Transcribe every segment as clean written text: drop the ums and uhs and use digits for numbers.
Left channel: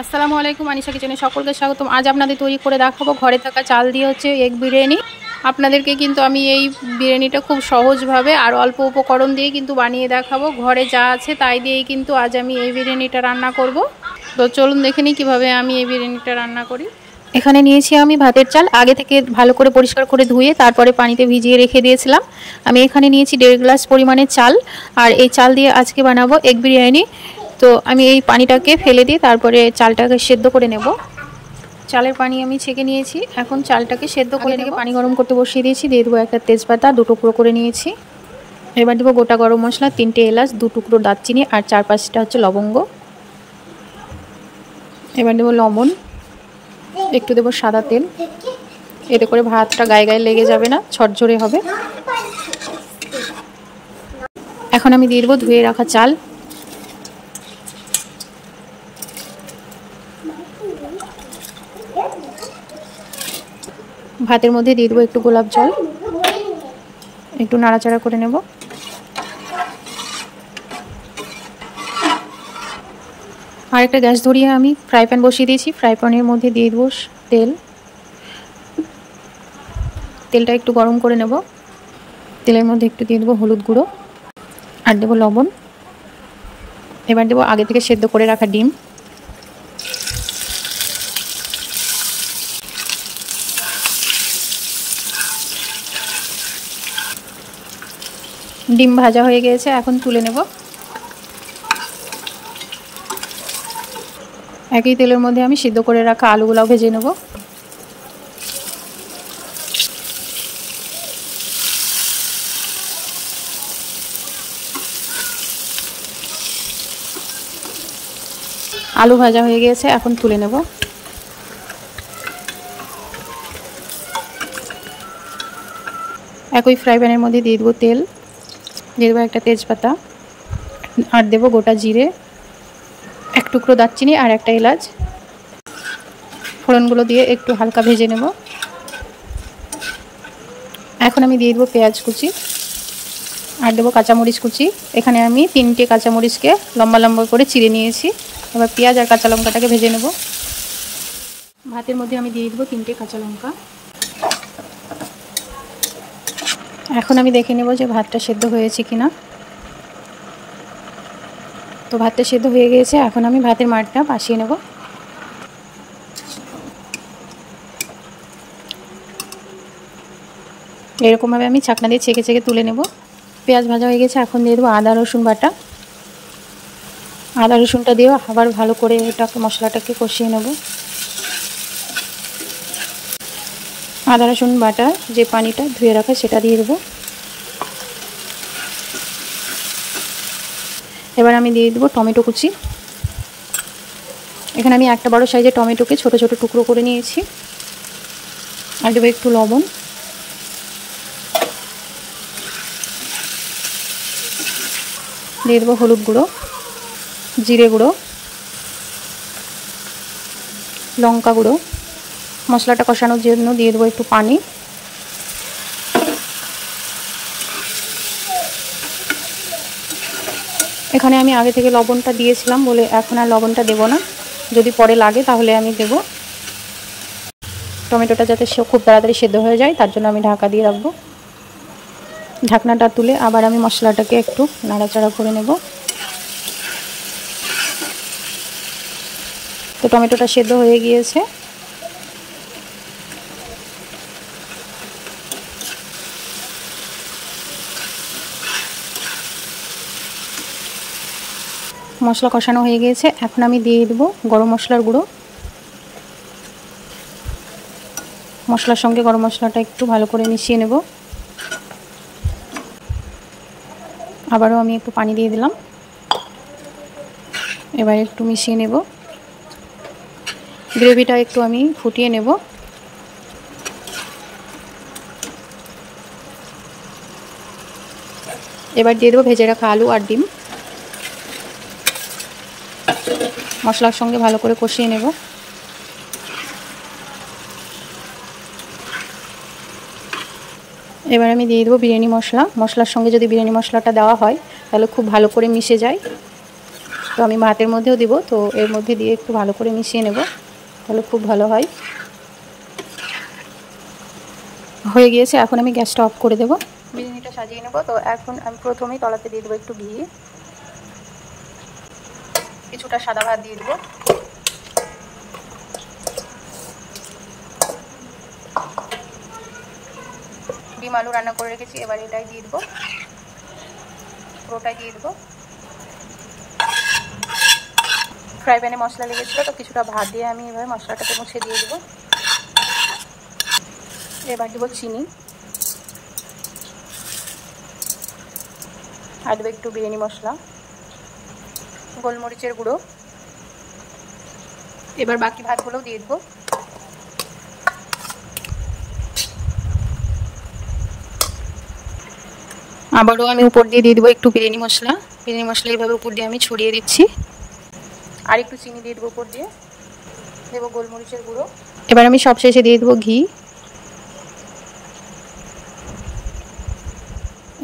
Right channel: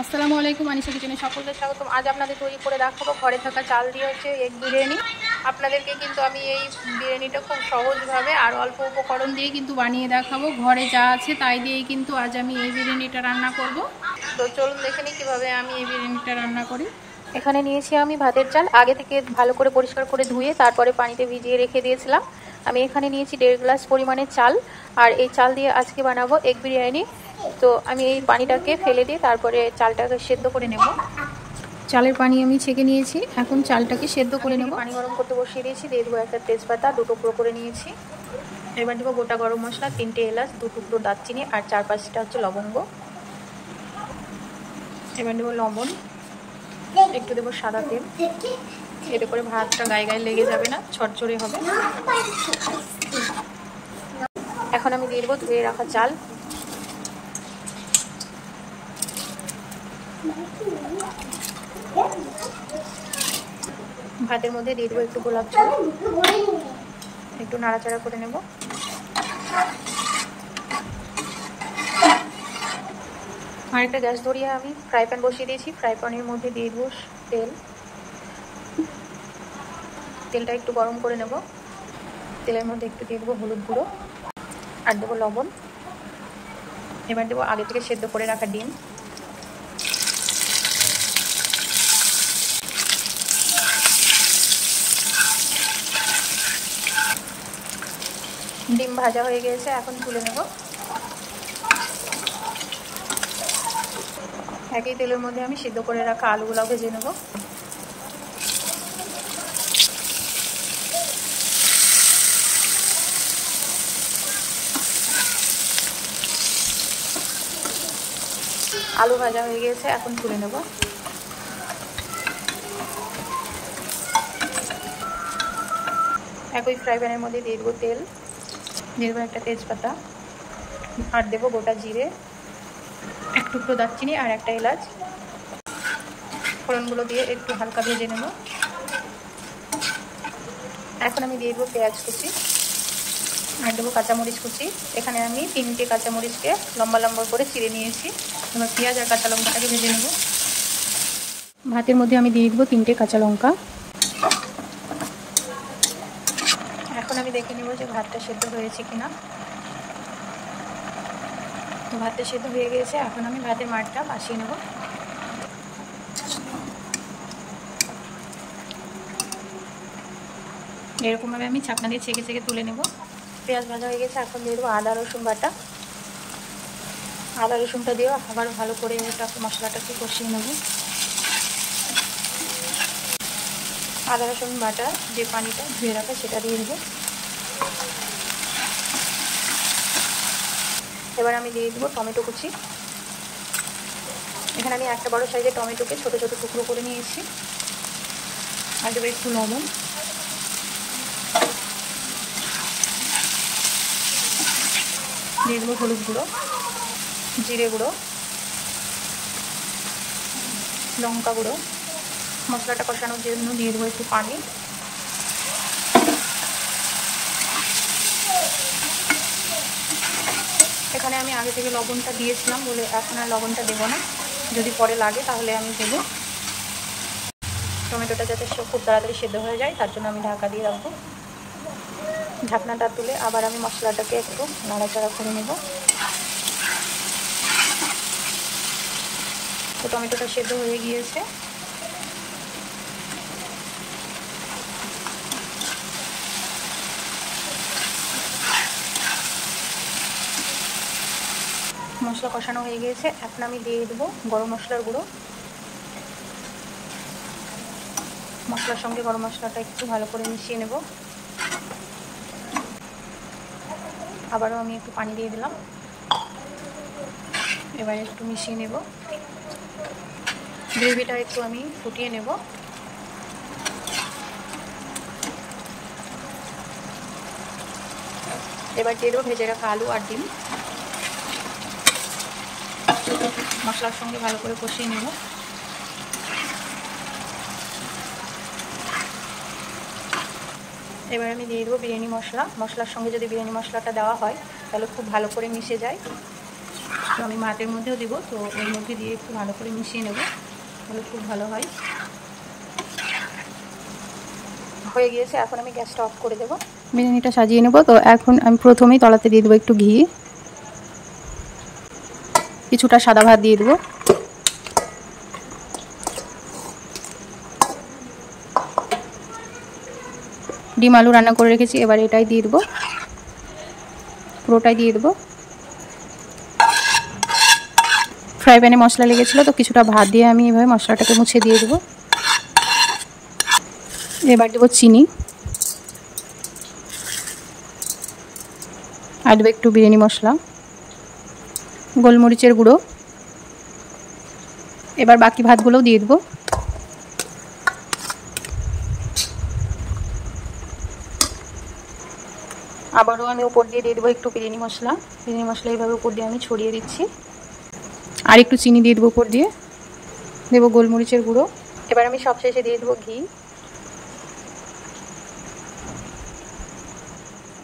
আসসালামু আলাইকুম, আনিসা কিচেনে সকলকে স্বাগতম। আজ আপনাদের তৈরি করে দেখাবো ঘরে থাকা চাল দিয়ে হচ্ছে এগ বিরিয়ানি। আপনাদেরকে কিন্তু আমি এই বিরিয়ানিটা খুব সহজভাবে আর অল্প উপকরণ দিয়ে কিন্তু বানিয়ে দেখাবো। ঘরে যা আছে তাই দিয়েই কিন্তু আজ আমি এই বিরিয়ানিটা রান্না করব। তো চলুন দেখে নিই কীভাবে আমি এই বিরিয়ানিটা রান্না করি। এখানে নিয়েছি আমি ভাতের চাল, আগে থেকে ভালো করে পরিষ্কার করে ধুয়ে তারপরে পানিতে ভিজিয়ে রেখে দিয়েছিলাম। আমি এখানে নিয়েছি 1.5 গ্লাস পরিমাণে চাল, আর এই চাল দিয়ে আজকে বানাবো এগ বিরিয়ানি। তো আমি এই পানিটাকে ফেলে দিয়ে তারপরে চালটাকে সেদ্ধ করে নেব। চালের পানি আমি ছেঁকে নিয়েছি, এখন চালটাকে সেদ্ধ করে নেব। পানি গরম করতে বসিয়ে দিয়েছি, দিয়ে দেবো একটা তেজপাতা 2 টুকরো করে নিয়েছি। এবার দেবো গোটা গরম মশলা 3টে এলাচ, 2 টুকরো দারচিনি আর 4-5টা হচ্ছে লবঙ্গ। এবার দেবো লবণ, একটু দেবো সাদা তেল, এতে করে ভাতটা গায়ে গায়ে লেগে যাবে না, ঝরঝরে হবে। এখন আমি দিয়ে দেবো ধুয়ে রাখা চাল। ভাতের মধ্যে দিয়ে দেবো একটু গোলাপ জল, একটু নাড়াচাড়া করে নেব। আর একটা গ্যাস ধরিয়ে আমি ফ্রাই প্যান বসিয়ে দিয়েছি। ফ্রাই প্যানের মধ্যে দিয়ে দেবো তেল। তেলটা একটু গরম করে নেব। তেলের মধ্যে একটু দিয়ে দেবো হলুদ গুঁড়ো আর দেবো লবণ। এবার দেবো আগে থেকে সেদ্ধ করে রাখা ডিম। ডিম ভাজা হয়ে গিয়েছে, এখন তুলে নেব। একই তেলের মধ্যে আমি সিদ্ধ করে রাখা আলুগুলাও ভেজে নেব। আলু ভাজা হয়ে গিয়েছে, এখন তুলে নেব। একই ফ্রাই প্যানের মধ্যে দিয়ে দেবো তেল, দিয়ে দেবো একটা তেজপাতা আর দেবো গোটা জিরে, 1 টুকরো দারচিনি আর একটা এলাচ। ফোড়নগুলো দিয়ে একটু হালকা ভেজে নেব। এখন আমি দিয়ে দেবো পেঁয়াজ কুচি আর দেবো কাঁচামরিচ কুচি। এখানে আমি 3টে কাঁচামরিচকে লম্বা লম্বা করে চিড়ে নিয়েছি। এবার পেঁয়াজ আর কাঁচা লঙ্কাটাকে ভেজে নেব। ভাতের মধ্যে আমি দিয়ে দেবো 3টে কাঁচা লঙ্কা। এখন আমি দেখে নেব যে ভাতটা সেদ্ধ হয়েছে কিনা। তো ভাতটা সেদ্ধ হয়ে গিয়েছে, এখন আমি ভাতের মাড়টা পাশিয়ে নেব। এরকমভাবে আমি ছাকনা দিয়ে ছেঁকে ছেঁকে তুলে নেব। পেঁয়াজ ভাজা হয়ে গেছে, এখন দিয়ে দেবো আদা রসুন বাটা। আদা রসুনটা দিয়েও আবার ভালো করে এটাকে মশলাটাকে কষিয়ে নেব। আদা রসুন বাটা যে পানিটা ধুয়ে রাখা সেটা দিয়ে দেবো। এবার আমি দিয়ে দেবো টমেটো কুচি। এখানে আমি একটা বড় সাইজের টমেটোকে ছোট ছোট টুকরো করে নিয়েছি। আর দেবো একটু লবণ, দিয়ে দেবো হলুদ গুঁড়ো, জিরে গুঁড়ো, লঙ্কা গুঁড়ো। মশলাটা কষানোর জন্য দিয়ে দেবো একটু পানি। এখানে আমি আগে থেকে লবণটা দিয়েছিলাম বলে এখন আর লবণটা দেবো না, যদি পরে লাগে তাহলে আমি দেব। টমেটোটা যাতে খুব তাড়াতাড়ি সেদ্ধ হয়ে যায় তার জন্য আমি ঢাকা দিয়ে রাখবো। ঢাকনাটা তুলে আবার আমি মশলাটাকে একটু নাড়াচাড়া করে নেব। তো টমেটোটা সেদ্ধ হয়ে গিয়েছে। মশলা কষানো হয়ে গিয়েছে, এখন আমি দিয়ে দেবো গরম মশলার গুঁড়ো। মশলার সঙ্গে গরম মশলাটা একটু ভালো করে মিশিয়ে নেব। আবারও আমি একটু পানি দিয়ে দিলাম। এবার একটু মিশিয়ে নেব। গ্রেভিটা একটু আমি ফুটিয়ে নেব। এবার দিয়ে দেবো ভেজে রাখা আলু আর ডিম। মশলার সঙ্গে ভালো করে কষিয়ে নেব। এবার আমি দিয়ে দেবো বিরিয়ানি মশলা। মশলার সঙ্গে যদি বিরিয়ানি মশলাটা দেওয়া হয় তাহলে খুব ভালো করে মিশে যায়। তো আমি ভাতের মধ্যেও দেবো, তো এর মধ্যে দিয়ে একটু ভালো করে মিশিয়ে নেব, তাহলে খুব ভালো হয়। হয়ে গিয়েছে, এখন আমি গ্যাসটা অফ করে দেবো, বিরিয়ানিটা সাজিয়ে নেব। তো এখন আমি প্রথমেই তলাতে দিয়ে দেবো একটু ঘি, কিছুটা সাদা ভাত দিয়ে দেবো, ডিম আলু রান্না করে রেখেছি, এবার এটাই দিয়ে দেবো, পুরোটাই দিয়ে দেবো। ফ্রাই প্যানে মশলা লেগেছিলো, তো কিছুটা ভাত দিয়ে আমি এভাবে মশলাটাকে মুছে দিয়ে দেবো। এবার দেবো চিনি, আর দেবো একটু বিরিয়ানি মশলা, গোলমরিচের গুঁড়ো। এবার বাকি ভাতগুলোও দিয়ে দেবো। আবারও আমি উপর দিয়ে দেবো একটু বিরিয়ানি মশলা, এইভাবে উপর দিয়ে আমি ছড়িয়ে দিচ্ছি। আর একটু চিনি দিয়ে দেবো উপর দিয়ে, দেবো গোলমরিচের গুঁড়ো। এবার আমি সব শেষে দিয়ে দেবো ঘি।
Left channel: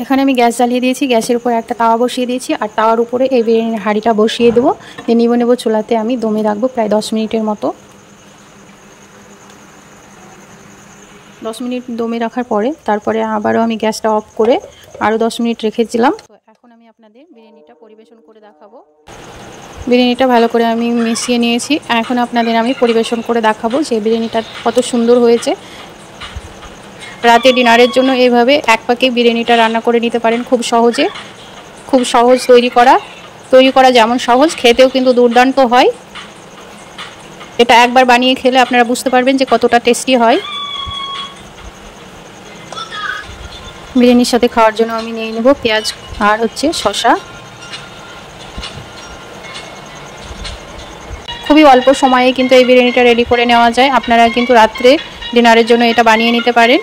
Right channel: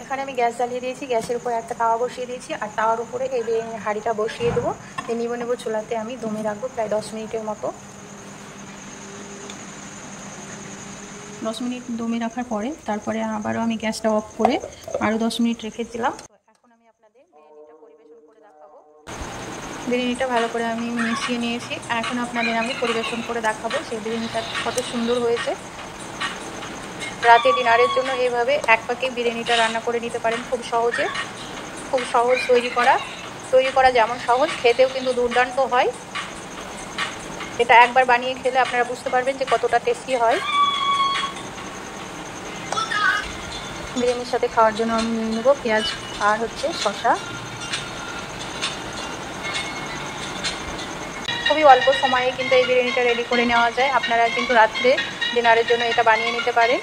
এখানে আমি গ্যাস জ্বালিয়ে দিয়েছি, গ্যাসের উপর একটা তাওয়া বসিয়ে দিয়েছি, আর তাওয়ার উপরে এই বিরিয়ানির হাঁড়িটা বসিয়ে দেবো। নিয়ে নেবো চুলাতে, আমি দমে রাখবো প্রায় 10 মিনিটের মতো। 10 মিনিট দমে রাখার পরে তারপরে আবারও আমি গ্যাসটা অফ করে আরও 10 মিনিট রেখেছিলাম। তো এখন আমি আপনাদের বিরিয়ানিটা পরিবেশন করে দেখাবো। বিরিয়ানিটা ভালো করে আমি মিশিয়ে নিয়েছি, এখন আপনাদের আমি পরিবেশন করে দেখাবো যে বিরিয়ানিটা কত সুন্দর হয়েছে। রাতে ডিনারের জন্য এইভাবে এক পাকে বিরিয়ানিটা রান্না করে নিতে পারেন খুব সহজে, খুব সহজ তৈরি করা যেমন সহজ, খেতেও কিন্তু দুর্দান্ত হয়। এটা একবার বানিয়ে খেলে আপনারা বুঝতে পারবেন যে কতটা টেস্টি হয়। বিরিয়ানির সাথে খাওয়ার জন্য আমি নিয়ে নেব পেঁয়াজ আর শসা। খুবই অল্প সময়ে কিন্তু এই বিরিয়ানিটা রেডি করে নেওয়া যায়। আপনারা কিন্তু রাত্রে ডিনারের জন্য এটা বানিয়ে নিতে পারেন,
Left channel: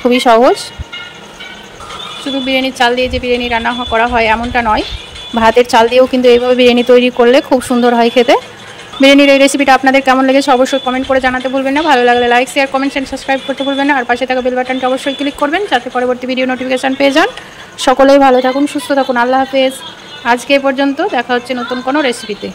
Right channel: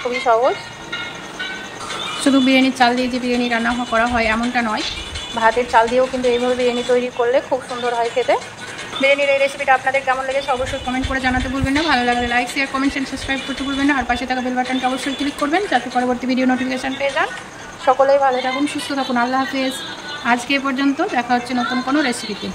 খুবই সহজ। শুধু বিরিয়ানির চাল দিয়ে যে বিরিয়ানি রান্না করা হয় এমনটা নয়, ভাতের চাল দিয়েও কিন্তু এইভাবে বিরিয়ানি তৈরি করলে খুব সুন্দর হয় খেতে। বিরিয়ানির এই রেসিপিটা আপনাদের কেমন লেগেছে অবশ্যই কমেন্ট করে জানাতে ভুলবেন না। ভালো লাগলে like, share, comment and subscribe করতে ভুলবেন না। আর পাশে থাকা বেল বাটনটা অবশ্যই ক্লিক করবেন যাতে পরবর্তী ভিডিও নোটিফিকেশান পেয়ে যান। সকলেই ভালো থাকুন, সুস্থ থাকুন, আল্লাহ হাফেজ। আজকে পর্যন্ত, দেখা হচ্ছে নতুন কোনো রেসিপিতে।